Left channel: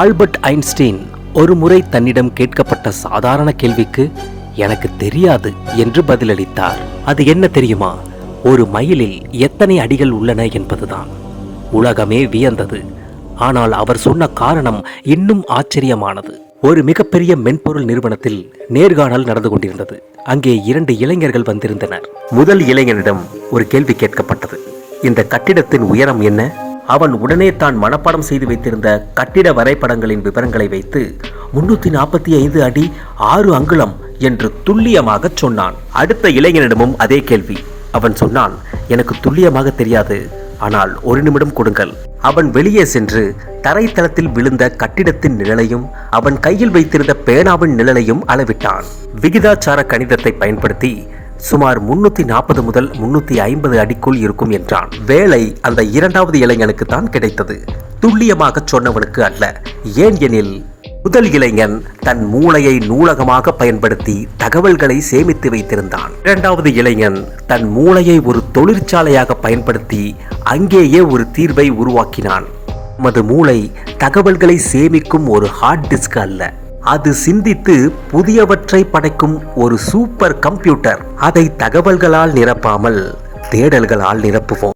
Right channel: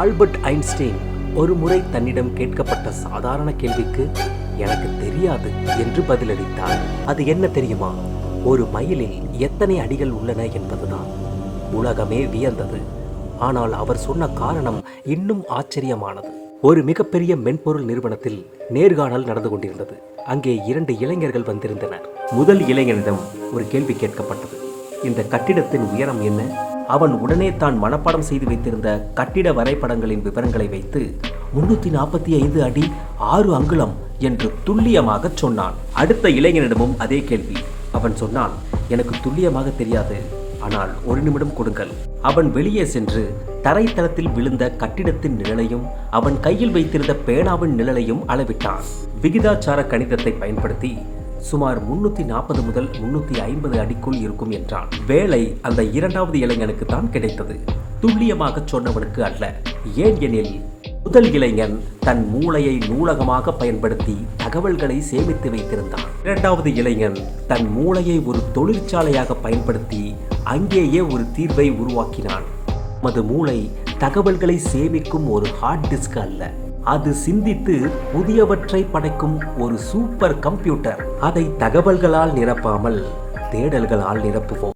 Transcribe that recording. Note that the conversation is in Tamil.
ஆல்பர்ட் ஐன்ஸ்டீன் ஒரு முறை தன்னிடம் கேட்கப்பட்ட சாதாரண கேள்விக்கு எனக்கு தெரியாது என்று பதிலளித்தார். அது என்ன தெரியுமா? ஒரு மைலில் எத்தனை அடிகள் உள்ளன என்பதுதான். உலகமே வியந்தது. ஆனால் அவர் சொன்ன காரணம் இன்னும் ஆச்சரியமானது. ஒரு மிகப்பெரிய மென்பொருள் நிறுவனத்தில் நேர்காணல் நடந்து கொண்டிருந்தது. அங்கே 2 இளைஞர்கள் வந்திருந்தனர். முதல் இளைஞனிடம் ஒரு கேள்வி கேட்கப்பட்டது. இந்த கட்டிடத்தின் உயரம் என்ன? அவன் உடனே தான் மனப்பாடம் செய்து வைத்திருந்த கட்டிட வரைபடங்களின் விவரங்களை வைத்து 345 அடி 6 அங்குலம் என்று துல்லியமாக சொன்னான். அடுத்த இளைஞனிடமும் அதே கேள்வி. அவன் சொன்னான், எனக்கு துல்லியமாக தெரியாது, ஆனால் 1 நிமிடம் கொடுங்கள். அவன் வெளியே சென்று தரைத்தளத்தில் விழுந்த கட்டிடத்தின் நிழலையும் அவன் கையில் வைத்திருந்த பேனாவின் நிழலையும் அளவிட்டான். விகிதாச்சார கணிதத்தை பயன்படுத்தி சுமார் 340 முதல் 350 அடிக்குள் இருக்கும் என்றான். வேலை அந்த 2வது இளைஞனுக்கு தான் கிடைத்தது, துல்லியமாக சொன்னவனுக்கு அல்ல. ஏன் எனில் முதல் இளைஞன் தன் மூளையை நூலகமாக பயன்படுத்தி தகவல்களை சேமித்து வைத்திருந்தான். 2வது இளைஞன் தன் மூளையை ஒரு தொழிற்சாலையாக பயன்படுத்தி அங்கேயே ஒரு தீர்வை உருவாக்கினான். நமது மூளை தகவல்களை சேமிக்கும் ஒரு ஹார்ட் டிஸ்க் அல்ல, அது சிந்தித்து புதியவற்றை படைக்கும் ஒரு சூப்பர் கம்ப்யூட்டர். அதை தகவல்களால் நிரப்பாமல் தேடல்களால் நிரப்புவோம்.